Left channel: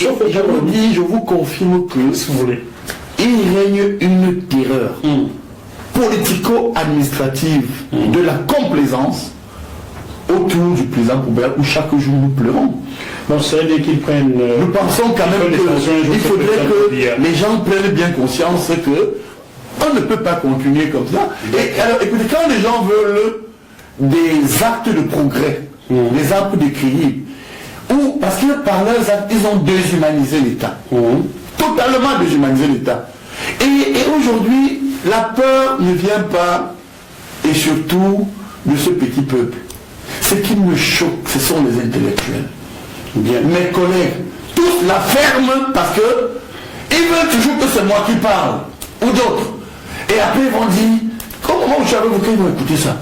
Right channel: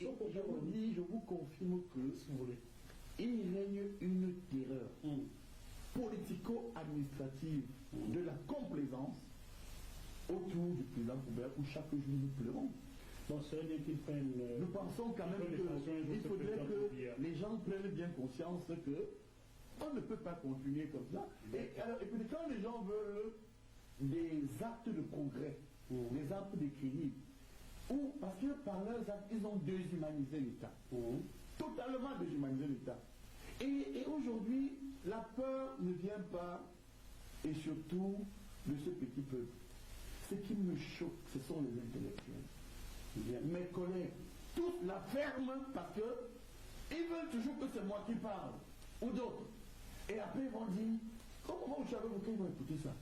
je vous confirme que si vous voulez, il règne une terreur politico-administrative de la complaisance autour du président Poubert où chaque jour nous pleurons. bon, c'est bien qu'ils prennent. Nous pensons quand même qu'il faudrait que les gens prennent bien conscience que on ne peut pas continuer comme ça. Et alors, écoutez, quand les gens veulent des actes de progrès, des actes de créer, ou parce que par leurs actes, ils ont déshumanisé l'État. Totalement déshumanisé l'État. Et aujourd'hui, la peur ne vient pas, et surtout, de ce petit peuple. Ce qui me choque, ce sont les intellectuels. Bien. Mes collègues, tous la ferment parce que ils veulent toujours que c'est moi qui parle, ou d'autres. Et après, ils vont dire, comment vous savez, ils vont écouter ça.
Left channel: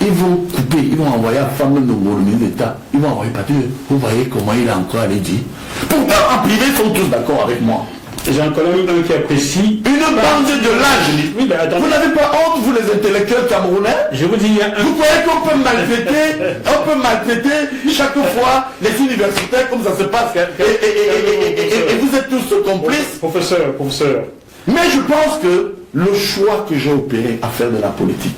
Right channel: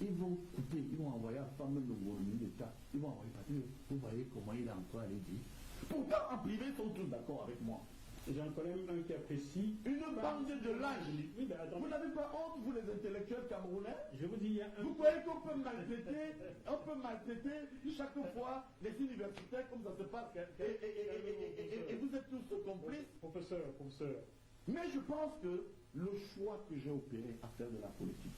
Ils vont couper, ils vont envoyer à la femme de le ministre d'État. Ils vont envoyer partout. Vous voyez comment il a encore allé dire. Pourtant, en privé, ils sont tous d'accord avec moi. J'ai un collègue qui apprécie. Une bande de l'âge. Oui, mais attendez. Vous n'avez pas honte, vous les intellectuels camerounais? Je vous dis, vous croyez qu'on peut maltraiter chaque fois les universitaires comme ça se passe et vous êtes tous complices? Professeur. Mais je pense que le choix que j'ai opéré à faire de la politique,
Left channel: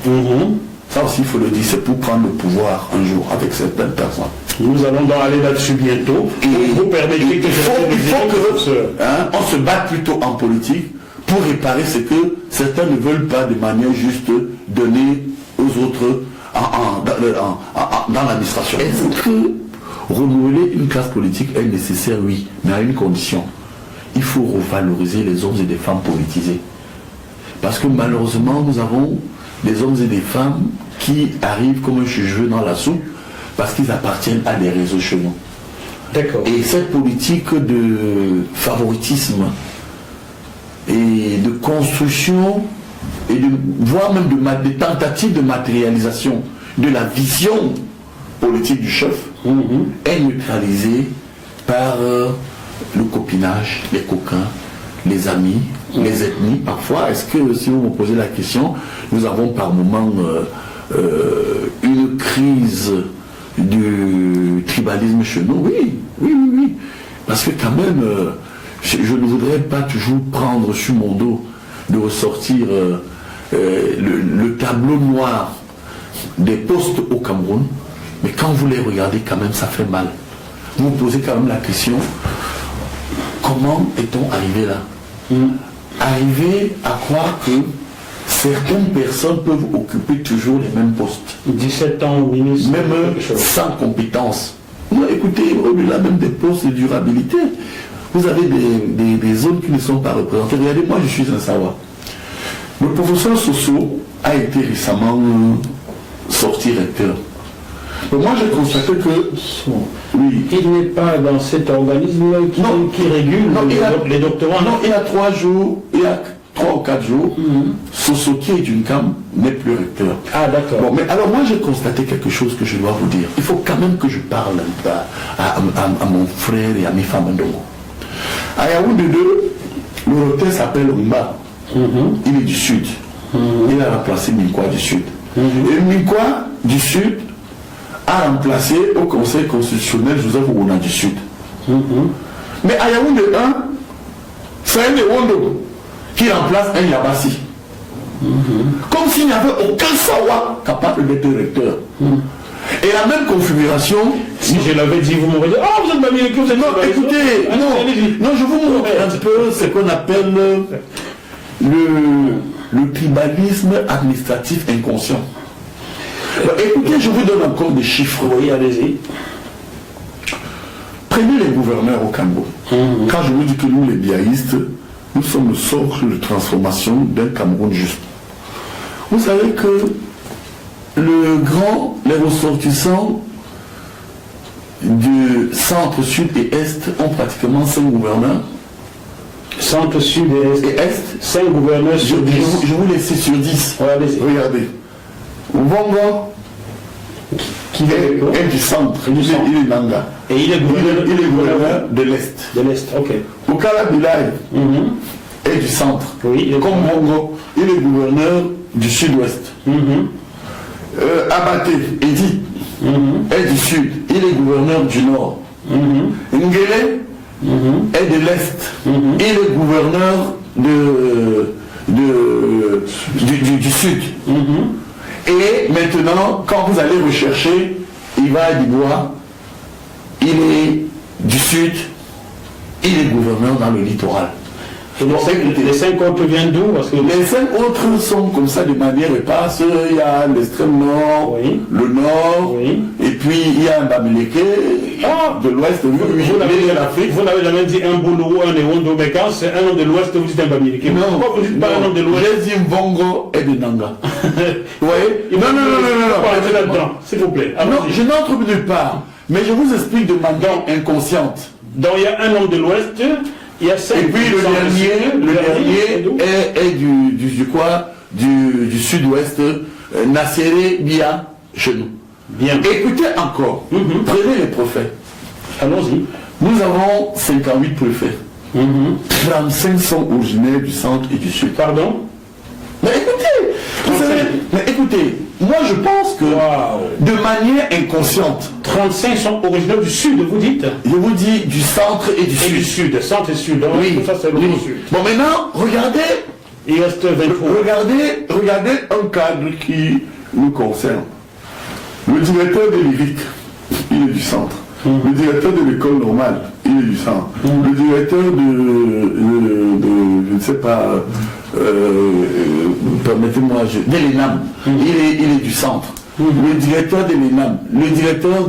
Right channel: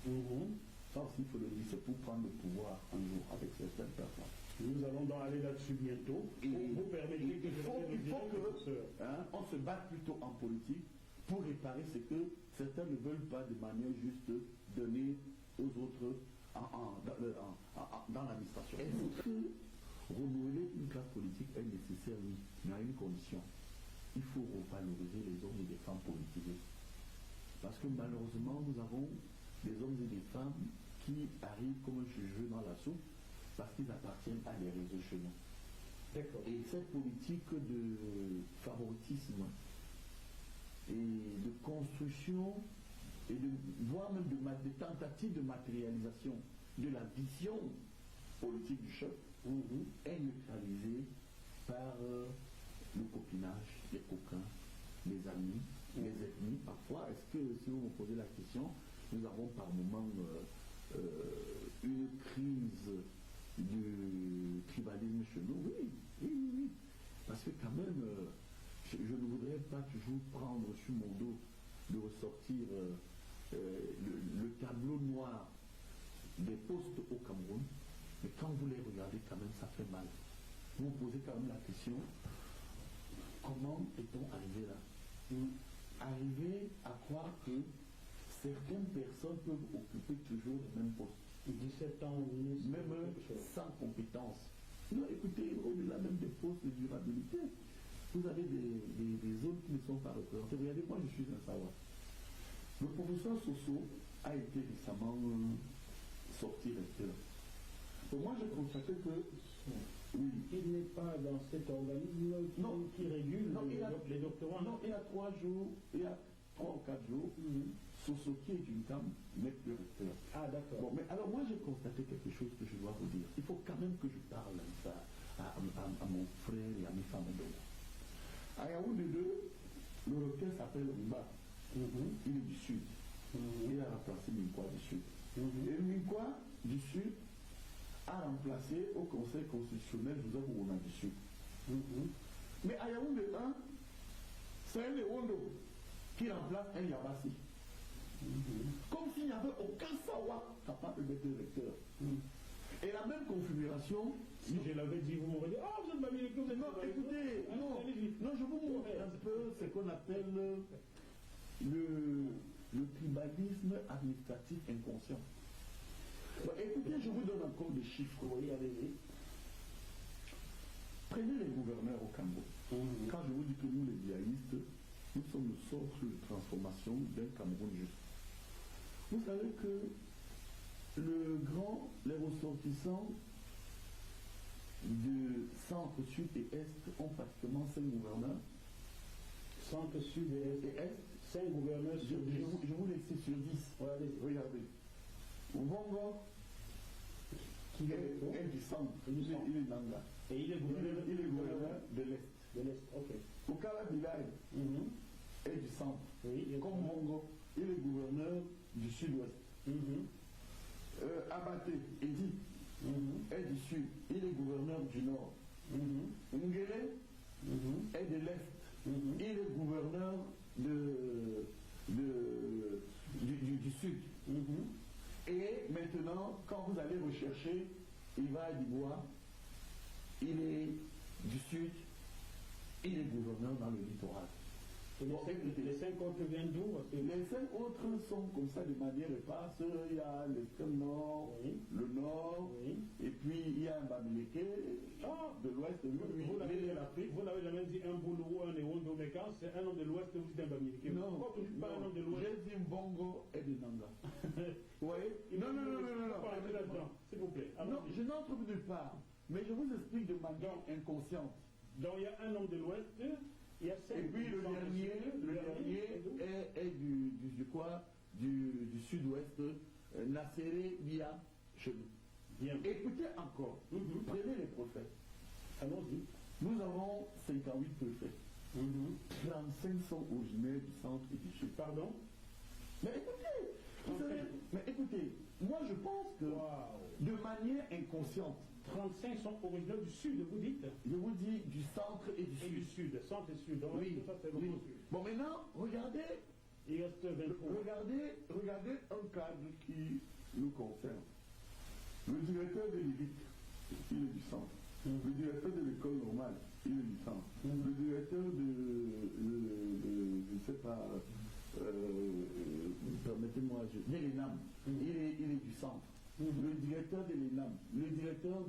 ça aussi il faut le dire, c'est pour prendre le pouvoir un jour avec certaines personnes. Nous allons donc aller là-dessus bientôt. Et vous permettez que on se batte plutôt en politique pour réparer ce que certains ne veulent pas de manière juste donner aux autres dans l'administration. Est-ce que renouveler une classe politique est nécessaire? Oui, mais à une condition. Il faut revaloriser les hommes et des femmes politisés. Parce que malheureusement, nous avons des hommes et des femmes qui arrivent comme un cheveu dans la soupe parce qu'ils appartiennent à des réseaux chez nous. D'accord. Et cette politique de favoritisme et de construction et voire même de tentatives de matérialisation de la vision politique du chef est neutralisée par le copinage, les coquins, les amis, les ethnies. Parfois, est-ce que, si vous me posez la question, nous avons par moments une crise du tribalisme chez nous? Oui. Parce que quand même, je ne voudrais pas toujours prendre sur mon dos de ressortir le tableau noir des postes au Cameroun, mais quand vous les regardez, quand même, ça fait mal. Vous vous posez quand même la question, comment est-on arrivé là? Arriver à croire que certaines personnes peuvent occuper toujours les mêmes postes. 17 ans au ministre. Même sans compétence. Non, écoutez, au-delà même des postes de durabilité, vous avez des zones qui ne sont pas représentées. Regardez, moi je suis un Sawa. Le professeur Soso a été récemment sorti recteur. Mais moi j'ai constaté que il n'est pas dans cet organisme qui régule les doctorants. Non, il y a 3 jours, il y a 3 ou 4 jours, Soso qui est d'une cam n'est plus recteur. Ah d'accord. Bon, mais alors moi j'ai constaté quelque chose que je dois vous dire. Il faut quand même que je parle à mon frère et à mes femmes Ndongo. À Yaoundé 2, le recteur s'appelle Rumba. Il est du sud. Il a remplacé Minkwa du sud. Et Minkwa du sud a remplacé au Conseil constitutionnel Joseph Ouna du Sud. Mais à Yaoundé 1, c'est un Ewondo qui remplace un Yabassi. Comme s'il n'y avait aucun Sawa capable d'être recteur. Et la même configuration, si je l'avais dit, vous m'aurez dit, ah, vous êtes pas bien écrit, vous êtes non, écoutez, non, je vous montre un peu ce qu'on appelle le tribalisme administratif inconscient. Écoutez, je vous donne encore des chiffres. Oui, allez-y. Prenez les gouverneurs au Cameroun. Quand je vous dis que nous, les biaïstes, nous sommes le socle de transformation d'un Cameroun juste. Vous savez que les ressortissants du centre, sud et est ont pratiquement 5 gouverneurs. Centre, sud et est, 5 gouverneurs sur 10. Je vous laisse sur 10. Regardez. Vongo, qui est du centre, il est Nanga. Et il est gouverneur de l'Est. De l'Est, ok. Okala Bilay est du centre. Oui, comme Vongo, il est gouverneur du sud-ouest. Abaté, Edi, est du sud, il est gouverneur du nord. Ngele est de l'Est. Et le gouverneur du Sud. Et maintenant, quand vous allez rechercher, Iva Dibois, il est du Sud, il est gouverneur dans le littoral. Les 5 autres viennent d'où? Les 5 autres sont comme ça de manière éparse. Il y a l'extrême nord, le nord, et puis il y a un Bamileke de l'ouest. Vous n'avez jamais dit un Boulou, un Ewondo, mais quand c'est un homme de l'ouest, vous dites un Bamileke. Non, pourquoi vous dites pas un homme de l'ouest? J'ai dit Mbongo et de Nanga. Vous voyez? Non. S'il vous plaît. Non, je n'entre nulle part, mais je vous explique de manière inconsciente. Donc il y a un homme de l'ouest. Il y a 5 et puis le dernier est du sud-ouest, Nasséré Bia, chez nous. Bien. Écoutez encore, prenez les préfets. Allons-y. Nous avons 58 préfets. 35 sont originaires du centre et du sud. Pardon? Mais écoutez, vous savez, moi je pense que de manière inconsciente, 35 sont originaires du sud, vous dites? Je vous dis du centre et du sud. Du sud, centre et sud. Donc, oui. Ça, c'est le sud. Bon, maintenant, regardez. Il reste 23. Regardez un cadre qui nous concerne. Le directeur de l'IRIC, il est du centre. Le directeur de l'école normale, il est du centre. Le directeur je ne sais pas, permettez-moi, de l'ENAM, il est du centre. Le directeur de l'ENAM, le directeur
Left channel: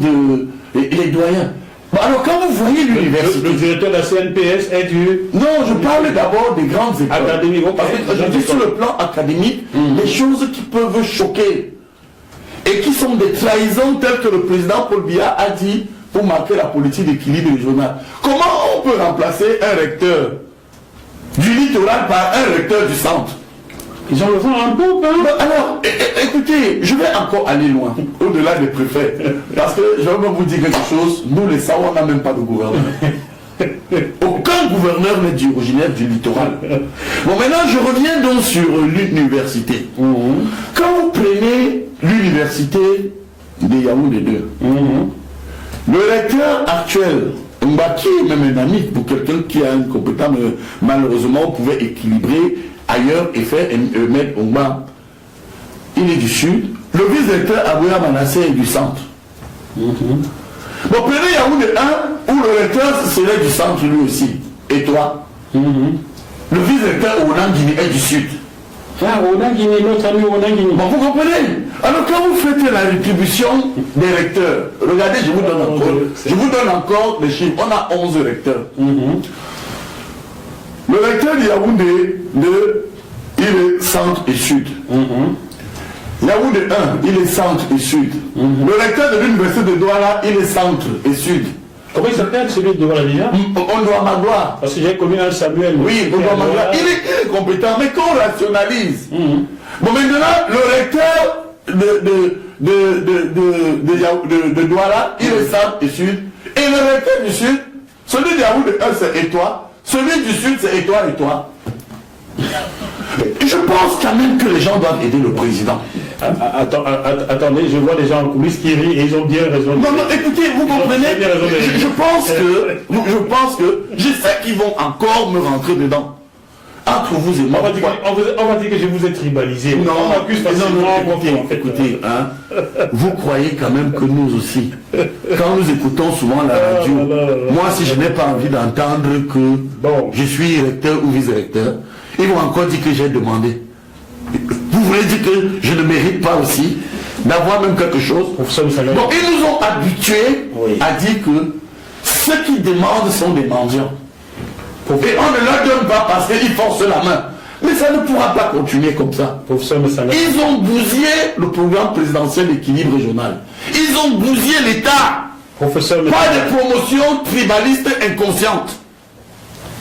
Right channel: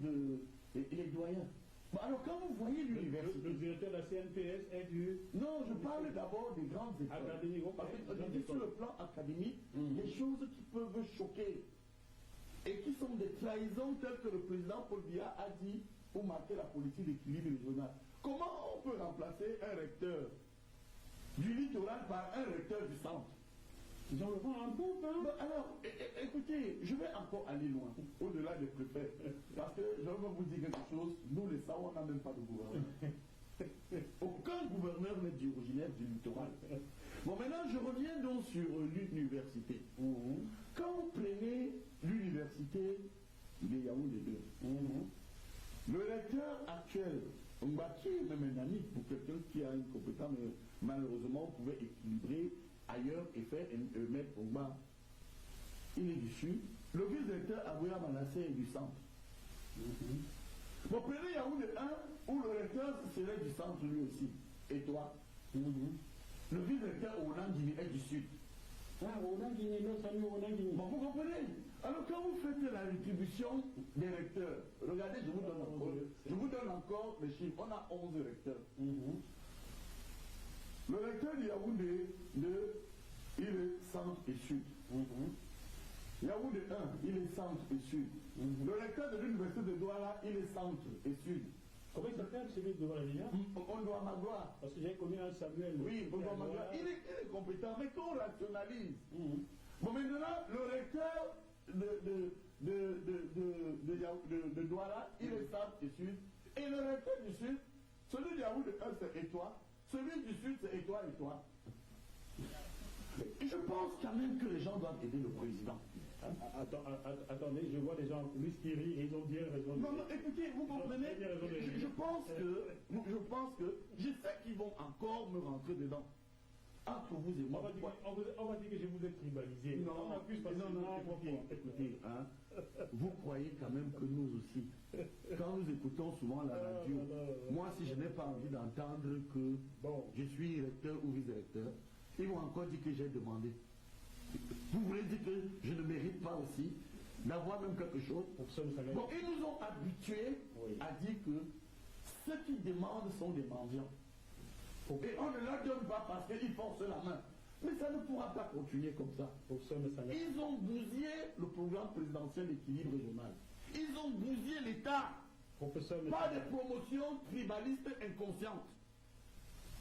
il est doyen. Bon, alors quand vous voyez l'université... Le directeur de la CNPS est du... Non, je parle d'abord des grandes écoles. Académique. Je dis sur le plan académique, des choses qui peuvent choquer et qui sont des trahisons telles que le président Paul Biya a dit pour marquer la politique d'équilibre régional. Comment on peut remplacer un recteur du littoral par un recteur du centre? Ils ont le vent en poupe, hein? Alors, écoutez, je vais encore aller loin, au-delà des préfets. Parce que je vais vous dire quelque chose, nous les Sawa, on n'a même pas de gouverneur. Aucun gouverneur n'est originaire du littoral. Bon, maintenant, je reviens donc sur l'université. Quand vous prenez l'université de Yaoundé 2, le recteur actuel, Mbaki est même un ami pour quelqu'un qui a une compétence, malheureusement, on pouvait équilibrer ailleurs et faire mettre Omba. Il est du sud. Le vice-recteur Abouya Manassé est du centre. Bon, prenez Yaoundé 1, où le recteur serait du centre lui aussi. Et toi? Le vice-recteur Onan Guinée est du sud. Ah, Onan Guinée, notre ami Onan Guinée. Bon, vous comprenez? Alors quand vous faites la rétribution des recteurs, regardez, je vous donne encore les chiffres. On a 11 recteurs. Le recteur de Yaoundé 2, il est centre et sud. Yaoundé 1, il est centre et sud. Le recteur de l'université de Douala, il est centre et sud. Comment il s'appelle celui de Douala déjà? On doit Magloire. Parce que j'ai connu un Samuel. Oui, on doit Magloire. Il est compétent, mais qu'on rationalise. Bon, maintenant, le recteur de Douala, il est centre et sud. Et le recteur du sud, celui de Yaoundé 1, c'est et toi. Celui du sud, c'est et toi, et toi. Je pense quand même que les gens doivent aider le président. Attendez, je vois des gens en coulisses qui rient et ils ont bien raison. Non, écoutez, vous comprenez, je pense que je sais qu'ils vont encore me rentrer dedans. Entre vous et moi. On va dire que je vous ai tribalisé. Non, on m'accuse facilement. Écoutez, hein, vous croyez quand même que nous aussi, quand nous écoutons souvent la radio, moi si je n'ai pas envie d'entendre que je suis recteur ou vice-recteur, ils vont encore dire que j'ai demandé. Vous voulez dire que je ne mérite pas aussi d'avoir même quelque chose? Donc ils nous ont habitués à dire que ceux qui demandent sont des mendiants. Et on ne leur donne pas parce qu'ils forcent la main. Mais ça ne pourra pas continuer comme ça. Ils ont bousillé le programme présidentiel d'équilibre régional. Ils ont bousillé l'État. Pas de promotion tribaliste inconsciente.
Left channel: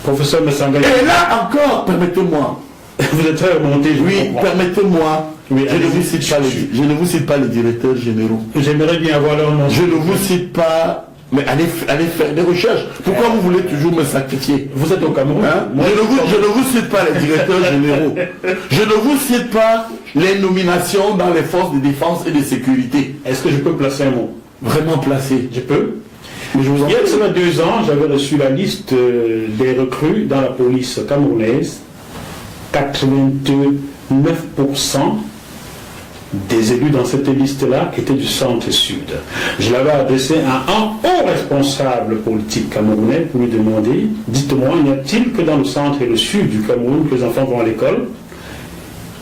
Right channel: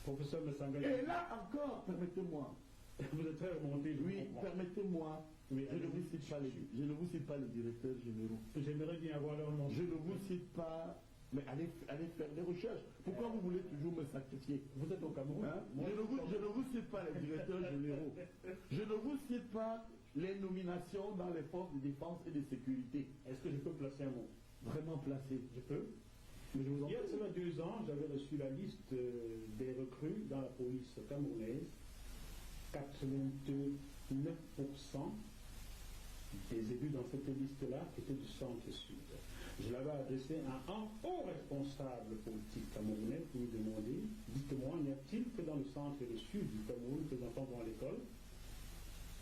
Professeur Messanga. Et là encore, permettez-moi. Vous êtes très remonté. Oui, permettez-moi. Oui, je ne vous cite pas les directeurs généraux. J'aimerais bien avoir leur nom. Je ne vous cite pas. Mais allez faire des recherches. Pourquoi vous voulez toujours me sacrifier? Vous êtes au Cameroun, hein? Je ne vous cite pas les directeurs généraux. Je ne vous cite pas les nominations dans les forces de défense et de sécurité. Est-ce que je peux placer un mot? Vraiment placer. Je peux. Il y a seulement 2 ans, j'avais reçu la liste des recrues dans la police camerounaise. 89% des élus dans cette liste-là étaient du centre-sud. Je l'avais adressé à un haut responsable politique camerounais pour lui demander, dites-moi, n'y a-t-il que dans le centre et le sud du Cameroun que les enfants vont à l'école?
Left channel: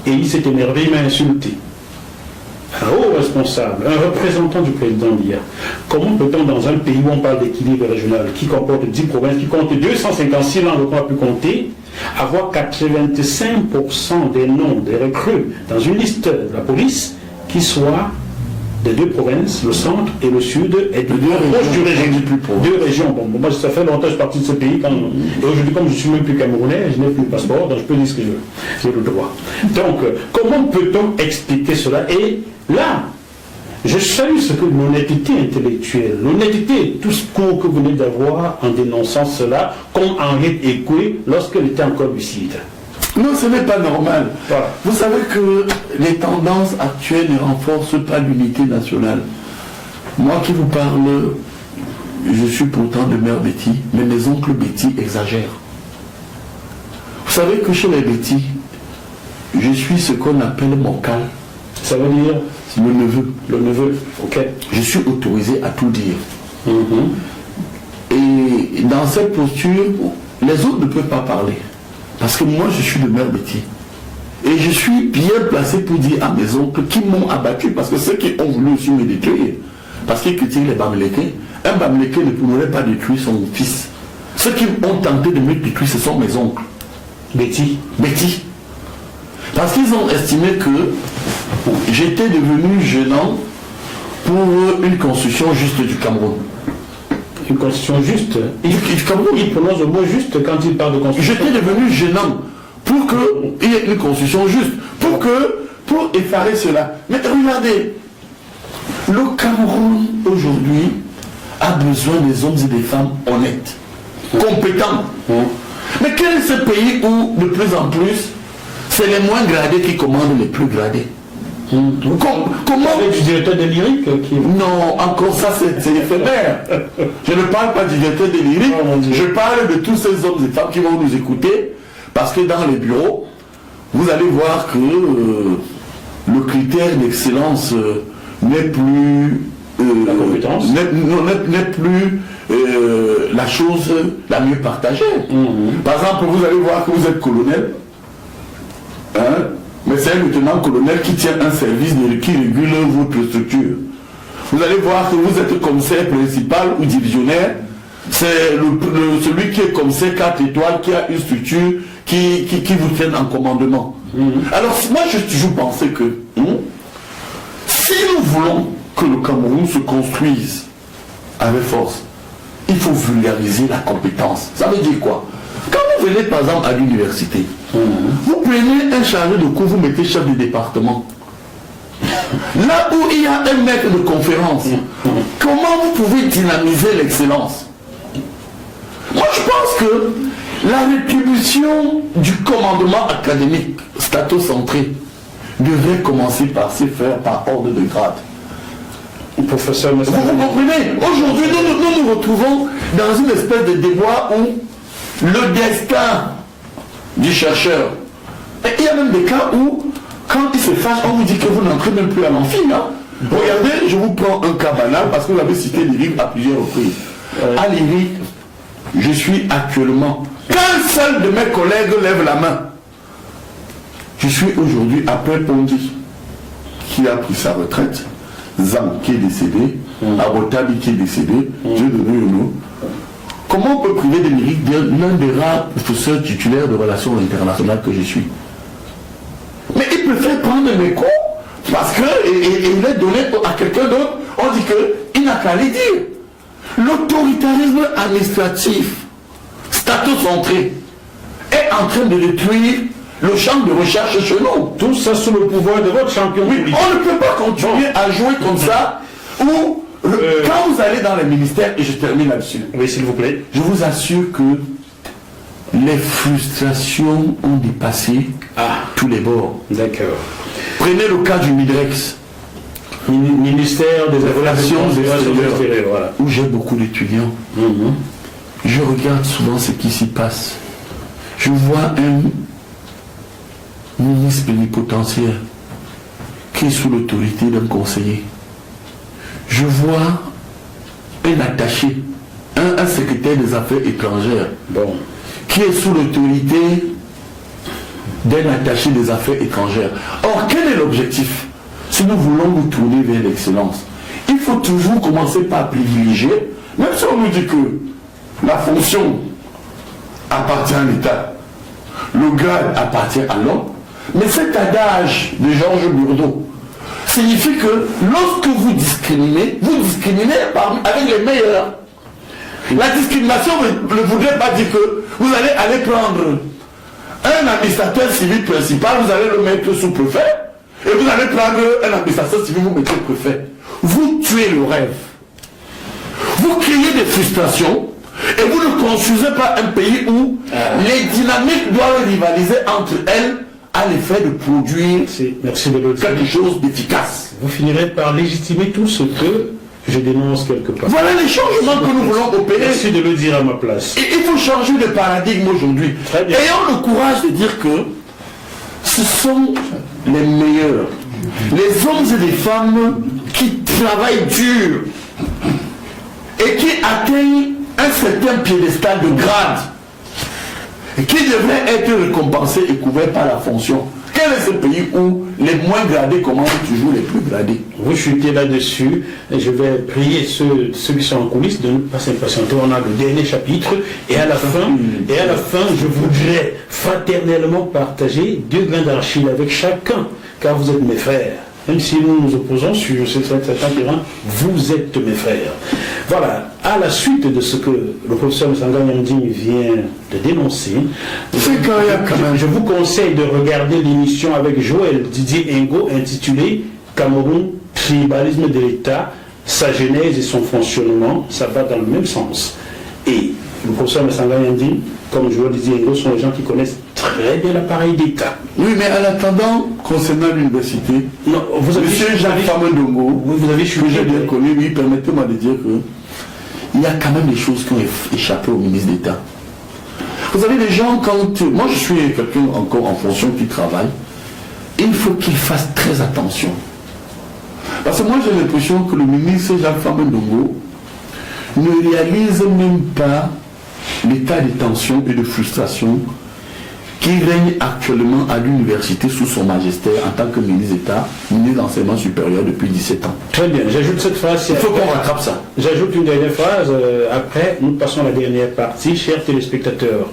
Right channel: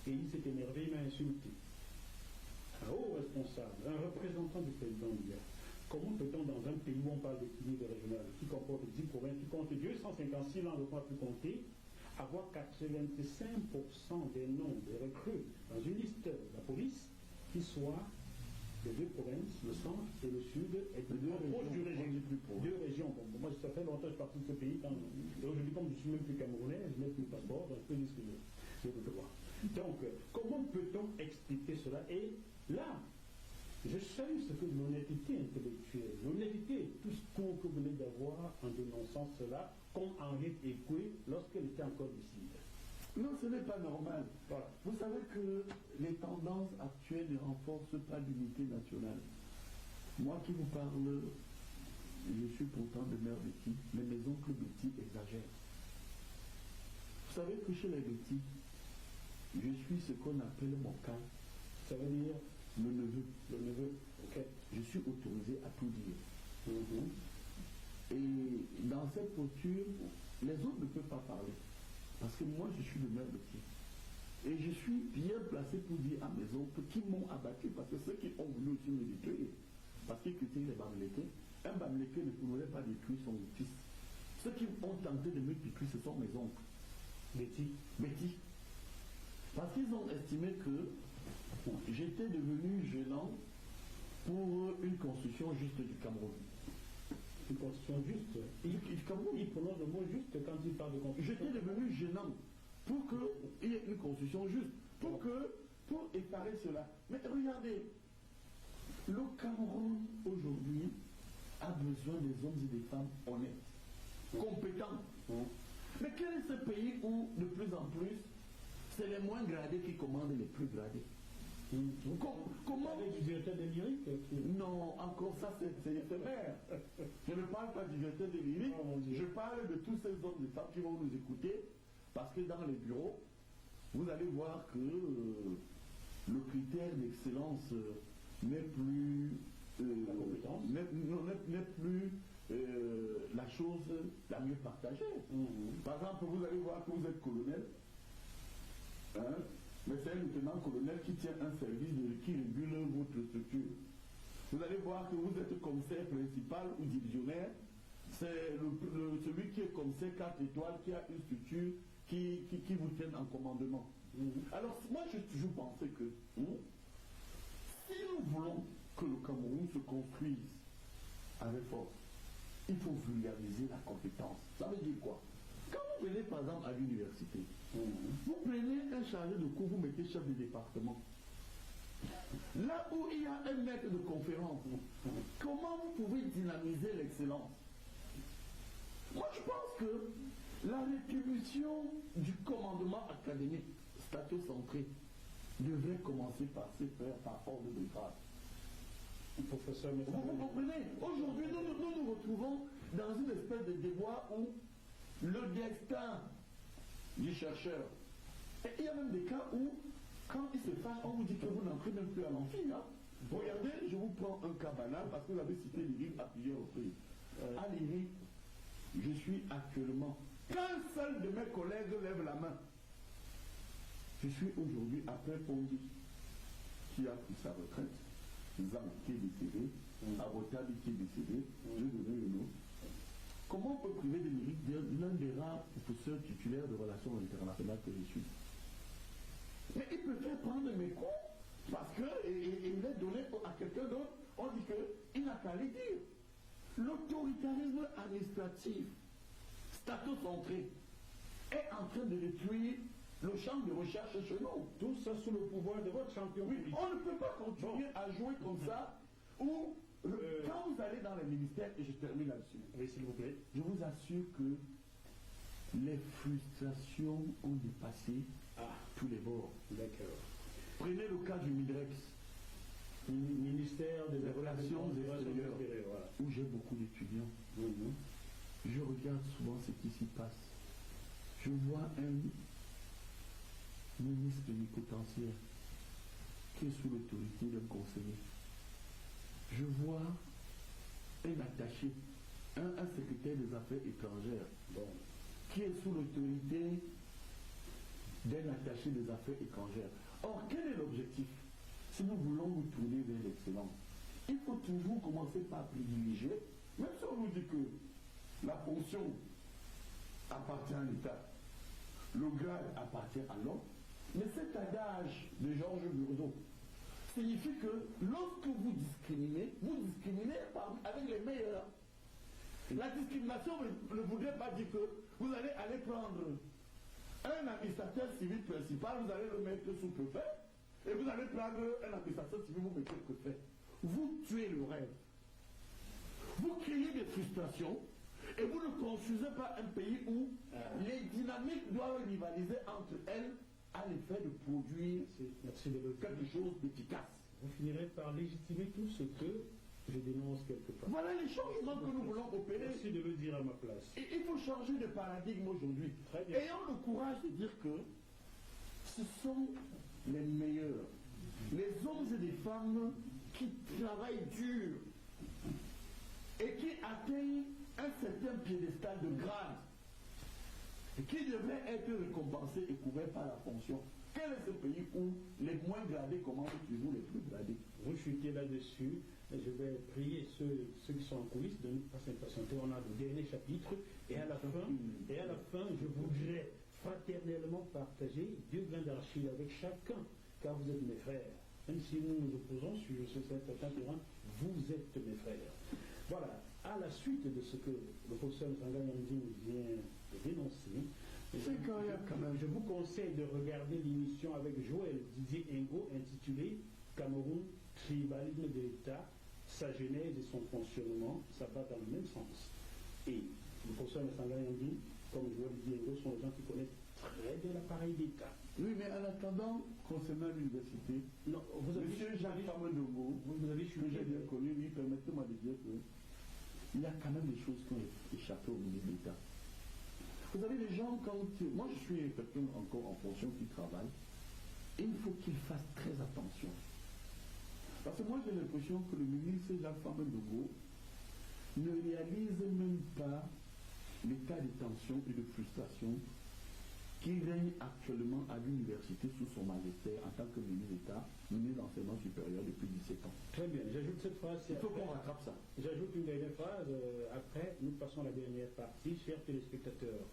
Et il s'est énervé, il m'a insulté. Un haut responsable, un représentant du président d'hier. Comment peut-on, dans un pays où on parle d'équilibre régional, qui comporte 10 provinces, qui compte 256 langues qu'on a pu compter, avoir 85% des noms des recrues dans une liste de la police qui soient des 2 provinces, le centre et le sud, et de 2 régions. 2 régions. Bon, moi, ça fait longtemps que je suis parti de ce pays. Et aujourd'hui, comme je ne suis même plus camerounais, je n'ai plus le passeport, donc je peux dire ce que je veux. J'ai le droit. Donc, comment peut-on expliquer cela? Et là, je salue ce que l'honnêteté intellectuelle, l'honnêteté, tout ce cours que vous venez d'avoir en dénonçant cela, comme Henriette Ekoué lorsqu'elle était encore lucide. Non, ce n'est pas normal. Voilà. Vous savez que les tendances actuelles ne renforcent pas l'unité nationale. Moi qui vous parle, je suis pourtant de mère Betty, mais mes oncles Betty exagèrent. Vous savez que chez les Betty, je suis ce qu'on appelle moncal. Ça veut dire le neveu. Le neveu, ok. Je suis autorisé à tout dire. Et dans cette posture, les autres ne peuvent pas parler. Parce que moi, je suis de mère Betty. Et je suis bien placé pour dire à mes oncles qui m'ont abattu, parce que ceux qui ont voulu aussi me détruire, parce qu'ils critiquent les Bamileke, un Bamileke ne pourrait pas détruire son fils. Ceux qui ont tenté de me détruire, ce sont mes oncles. Betty. Parce qu'ils ont estimé que j'étais devenu gênant pour une construction juste du Cameroun. Une constitution juste. Il prononce le mot juste quand il parle de constitution. J'étais devenu gênant pour qu'il y ait une constitution juste, pour effarer cela. Mais regardez, le Cameroun aujourd'hui a besoin des hommes et des femmes honnêtes, compétents. Mais quel est ce pays où de plus en plus c'est les moins gradés qui commandent les plus gradés? Comment du directeur de lyrique qui... Non, encore ça c'est éphémère. Je ne parle pas du directeur de lyrique, je parle de tous ces hommes et femmes qui vont nous écouter, parce que dans les bureaux, vous allez voir que le critère d'excellence n'est plus la compétence, n'est plus la chose la mieux partagée. Par exemple, vous allez voir que vous êtes colonel, mais c'est un lieutenant-colonel qui tient un service qui régule votre structure. Vous allez voir que vous êtes commissaire principal ou divisionnaire. C'est celui qui est commissaire 4 étoiles, qui a une structure qui vous tienne en commandement. Alors moi j'ai toujours pensé que si nous voulons que le Cameroun se construise avec force, il faut vulgariser la compétence. Ça veut dire quoi? Quand vous venez par exemple à l'université, vous prenez un chargé de cours, vous mettez chef de département. Là où il y a un maître de conférence, comment vous pouvez dynamiser l'excellence? Moi je pense que la rétribution du commandement académique statocentré devrait commencer par se faire par ordre de grade. Professeur, vous comprenez? Aujourd'hui, nous nous retrouvons dans une espèce de déboire où le destin du chercheur. Et il y a même des cas où, quand il se fâche, on vous dit que vous n'entrez même plus à l'amphi. Regardez, je vous prends un cas banal parce que vous avez cité l'IRIC à plusieurs reprises. À l'IRIC, je suis actuellement, qu'un seul de mes collègues lève la main. Je suis aujourd'hui après Pondy, qui a pris sa retraite, Zam qui est décédé, Abotabi qui est décédé, Dieu donné le nom. Comment on peut priver de l'IRIC l'un des rares professeurs titulaires de relations internationales que je suis? Mais il préfère prendre mes cours parce qu'il est donné à quelqu'un d'autre. On dit qu'il n'a qu'à les dire. L'autoritarisme administratif, statocentré, est en train de détruire le champ de recherche chez nous. Tout ça sous le pouvoir de votre champion. Oui, on ne peut pas continuer à jouer comme ça, où quand vous allez dans les ministères, et je termine là-dessus. Oui, s'il vous plaît. Je vous assure que les frustrations ont dépassé tous les bords. D'accord. Prenez le cas du Midrex. Ministère des Relations extérieures, voilà. où j'ai beaucoup d'étudiants. Je regarde souvent ce qui s'y passe. Je vois un ministre plénipotentiaire qui est sous l'autorité d'un conseiller. Je vois un attaché, un secrétaire des affaires étrangères, qui est sous l'autorité d'un attaché des affaires étrangères. Or, quel est l'objectif? Si nous voulons nous tourner vers l'excellence, il faut toujours commencer par privilégier, même si on nous dit que la fonction appartient à l'État, le grade appartient à l'homme, mais cet adage de Georges Bourdeau signifie que lorsque vous discriminez avec les meilleurs. La discrimination ne voudrait pas dire que vous allez aller prendre un administrateur civil principal, vous allez le mettre sous-préfet, et vous allez prendre un administrateur civil, vous mettez préfet. Vous tuez le rêve. Vous créez des frustrations, et vous ne construisez pas un pays où les dynamiques doivent rivaliser entre elles à l'effet de produire quelque chose d'efficace. Vous finirez par légitimer tout ce que je dénonce quelque part. Voilà les changements que nous voulons opérer. Merci de le dire à ma place. Et il faut changer de paradigme aujourd'hui. Ayons le courage de dire que ce sont les meilleurs, les hommes et les femmes qui travaillent dur et qui atteignent un certain piédestal de grade et qui devraient être récompensés et couverts par la fonction. Quel est ce pays où les moins gradés commandent toujours les plus gradés? Vous chutez là-dessus. Je vais prier ceux qui sont en coulisses de ne pas s'impatienter. On a le dernier chapitre. Et à la fin, je voudrais fraternellement partager 2 grains d'argile avec chacun, car vous êtes mes frères. Même si nous nous opposons sur certains terrains, vous êtes mes frères. Voilà, à la suite de ce que le professeur Msanga Nyanding vient de dénoncer, je vous conseille de regarder l'émission avec Joël Didier Ngo intitulée Cameroun, tribalisme de l'État, sa genèse et son fonctionnement. Ça va dans le même sens. Et le professeur Msanga Nyanding, comme Joël Didier Ngo, sont les gens qui connaissent très bien l'appareil d'État. Oui, mais en attendant, concernant l'université, monsieur Jacques Famendongo, vous avez que j'ai bien connu, oui, permettez-moi de dire que il y a quand même des choses qui ont échappé au ministre d'État. Vous savez, les gens, moi je suis quelqu'un encore en fonction qui travaille, il faut qu'il fasse très attention. Parce que moi j'ai l'impression que le ministre Jacques Famendongo ne réalise même pas l'état de tension et de frustration qui règne actuellement à l'université sous son magistère en tant que ministre d'État, ministre d'enseignement supérieur depuis 17 ans. Très bien, j'ajoute cette phrase. Il faut qu'on rattrape ça. J'ajoute une dernière phrase, après nous passons à la dernière partie. Chers téléspectateurs,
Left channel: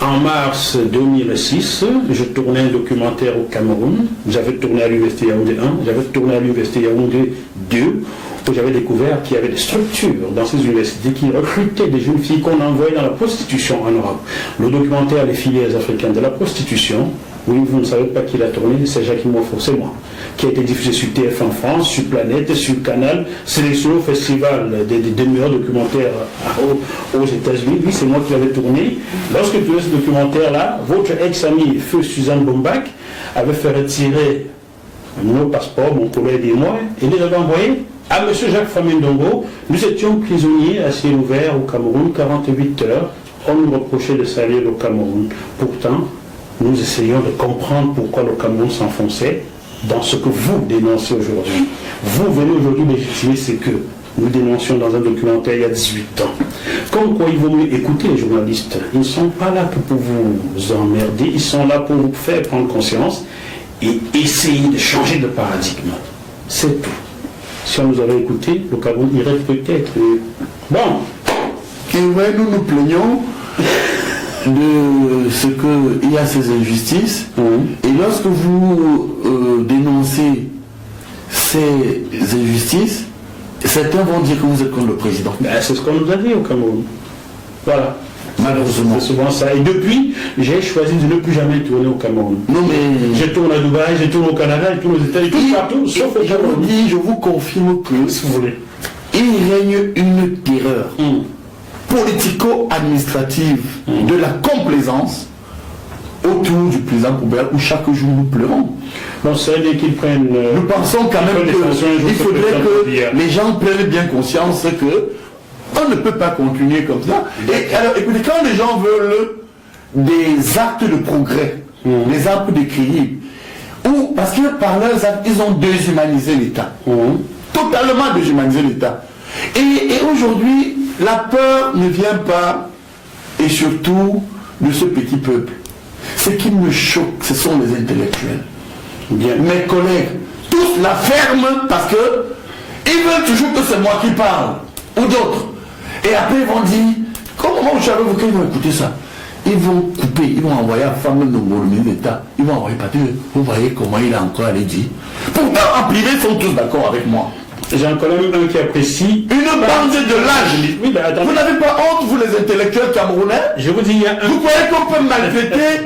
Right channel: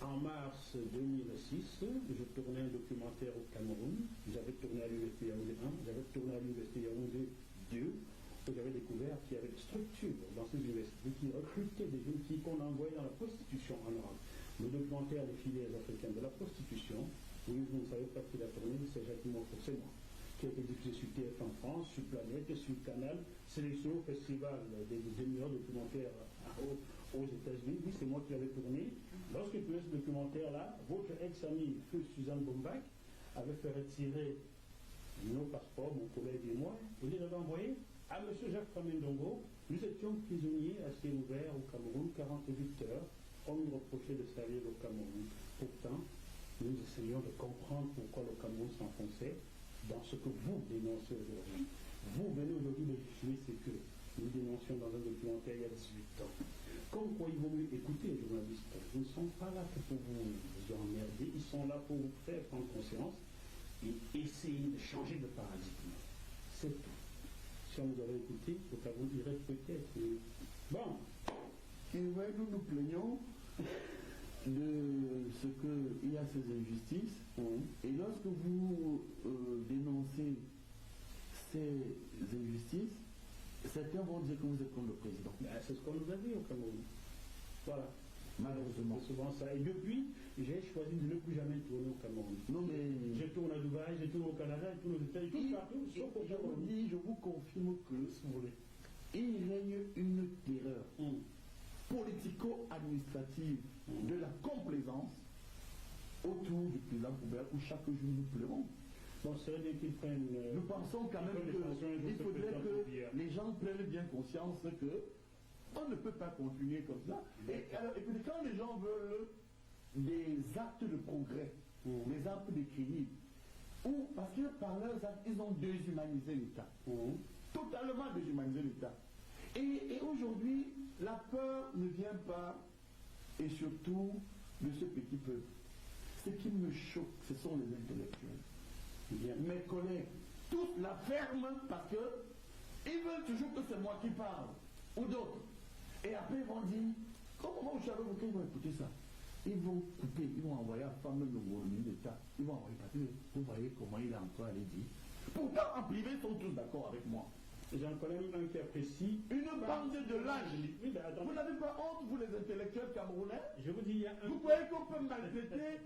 en mars 2006, je tournais un documentaire au Cameroun. J'avais tourné à l'université Yaoundé 1, j'avais tourné à l'université Yaoundé 2, où j'avais découvert qu'il y avait des structures dans ces universités qui recrutaient des jeunes filles qu'on envoyait dans la prostitution en Europe. Le documentaire Les filières africaines de la prostitution, oui, vous ne savez pas qui l'a tourné, c'est Jacques Moifo, c'est moi, qui a été diffusé sur TF1 France, sur Planète, sur Canal, sélectionné au festival des meilleurs documentaires aux États-Unis. Oui, c'est moi qui l'avais tourné. Lorsque tu as ce documentaire-là, votre ex-amie, feu Suzanne Bombach, avait fait retirer nos passeports, mon collègue et moi, et les avait envoyés à M. Jacques Famendongo. Nous étions prisonniers à ciel ouvert au Cameroun, 48 heures. On nous reprochait de salir le Cameroun. Pourtant, nous essayons de comprendre pourquoi le Cameroun s'enfonçait dans ce que vous dénoncez aujourd'hui. Vous venez aujourd'hui légitimer ce que nous dénoncions dans un documentaire il y a 18 ans. Comme quoi il vaut mieux écouter les journalistes. Ils ne sont pas là que pour vous emmerder, ils sont là pour vous faire prendre conscience et essayer de changer de paradigme. C'est tout. Si on nous avait écouté, le Cameroun irait peut-être. Bon. Et ouais, nous nous plaignons de ce qu'il y a ces injustices. Et lorsque vous dénoncez ces injustices, certains vont dire que vous êtes contre le président. Ben, c'est ce qu'on nous a dit au Cameroun. Voilà. Malheureusement. C'est souvent ça. Et depuis, j'ai choisi de ne plus jamais tourner au Cameroun. Non mais... Je tourne à Dubaï, je tourne au Canada, je tourne aux États-Unis, tout partout, sauf au Cameroun. Je vous confirme que, si vous voulez, il règne une terreur politico-administrative de la complaisance autour du président Poubelle où chaque jour nous pleurons. Bon, c'est-à-dire qu'ils prennent... Nous pensons quand même qu'il faudrait que les gens prennent bien conscience que on ne peut pas continuer comme ça. Et alors, écoutez, quand les gens veulent des actes de progrès, des actes d'équilibre, ou parce que par leurs actes, ils ont déshumanisé l'État. Totalement déshumanisé l'État. Et aujourd'hui, la peur ne vient pas, et surtout, de ce petit peuple. Ce qui me choque, ce sont les intellectuels. Bien. Mes collègues, tous la ferment parce que ils veulent toujours que c'est moi qui parle, ou d'autres. Et après ils vont dire, comment vous savez qu'ils vont écouter ça? Ils vont couper, ils vont envoyer à femme de ministre d'État, ils vont envoyer partir. Vous voyez comment il a encore allé dire. Pourtant en privé ils sont tous d'accord avec moi. J'ai un collègue qui apprécie une bande de lâches. Oui, ben, vous n'avez pas honte, vous les intellectuels camerounais? Je vous dis, il y a un... Vous croyez qu'on peut maltraiter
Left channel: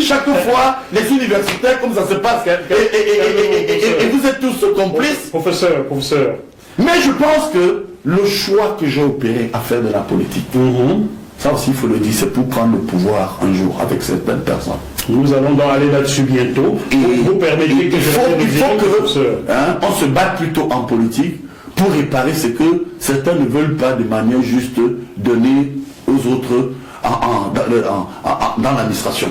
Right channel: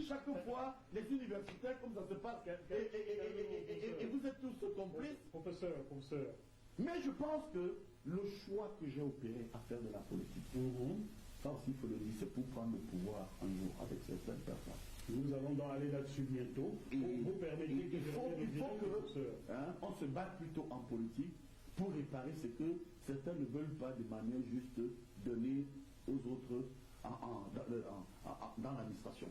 chaque fois les universitaires comme ça se passe et vous êtes tous complices? Professeur. Mais je pense que le choix que j'ai opéré à faire de la politique, ça aussi il faut le dire, c'est pour prendre le pouvoir un jour avec certaines personnes. Nous allons donc aller là-dessus bientôt. Et vous permettez que il faut on se batte plutôt en politique pour réparer ce que certains ne veulent pas de manière juste donner aux autres dans l'administration.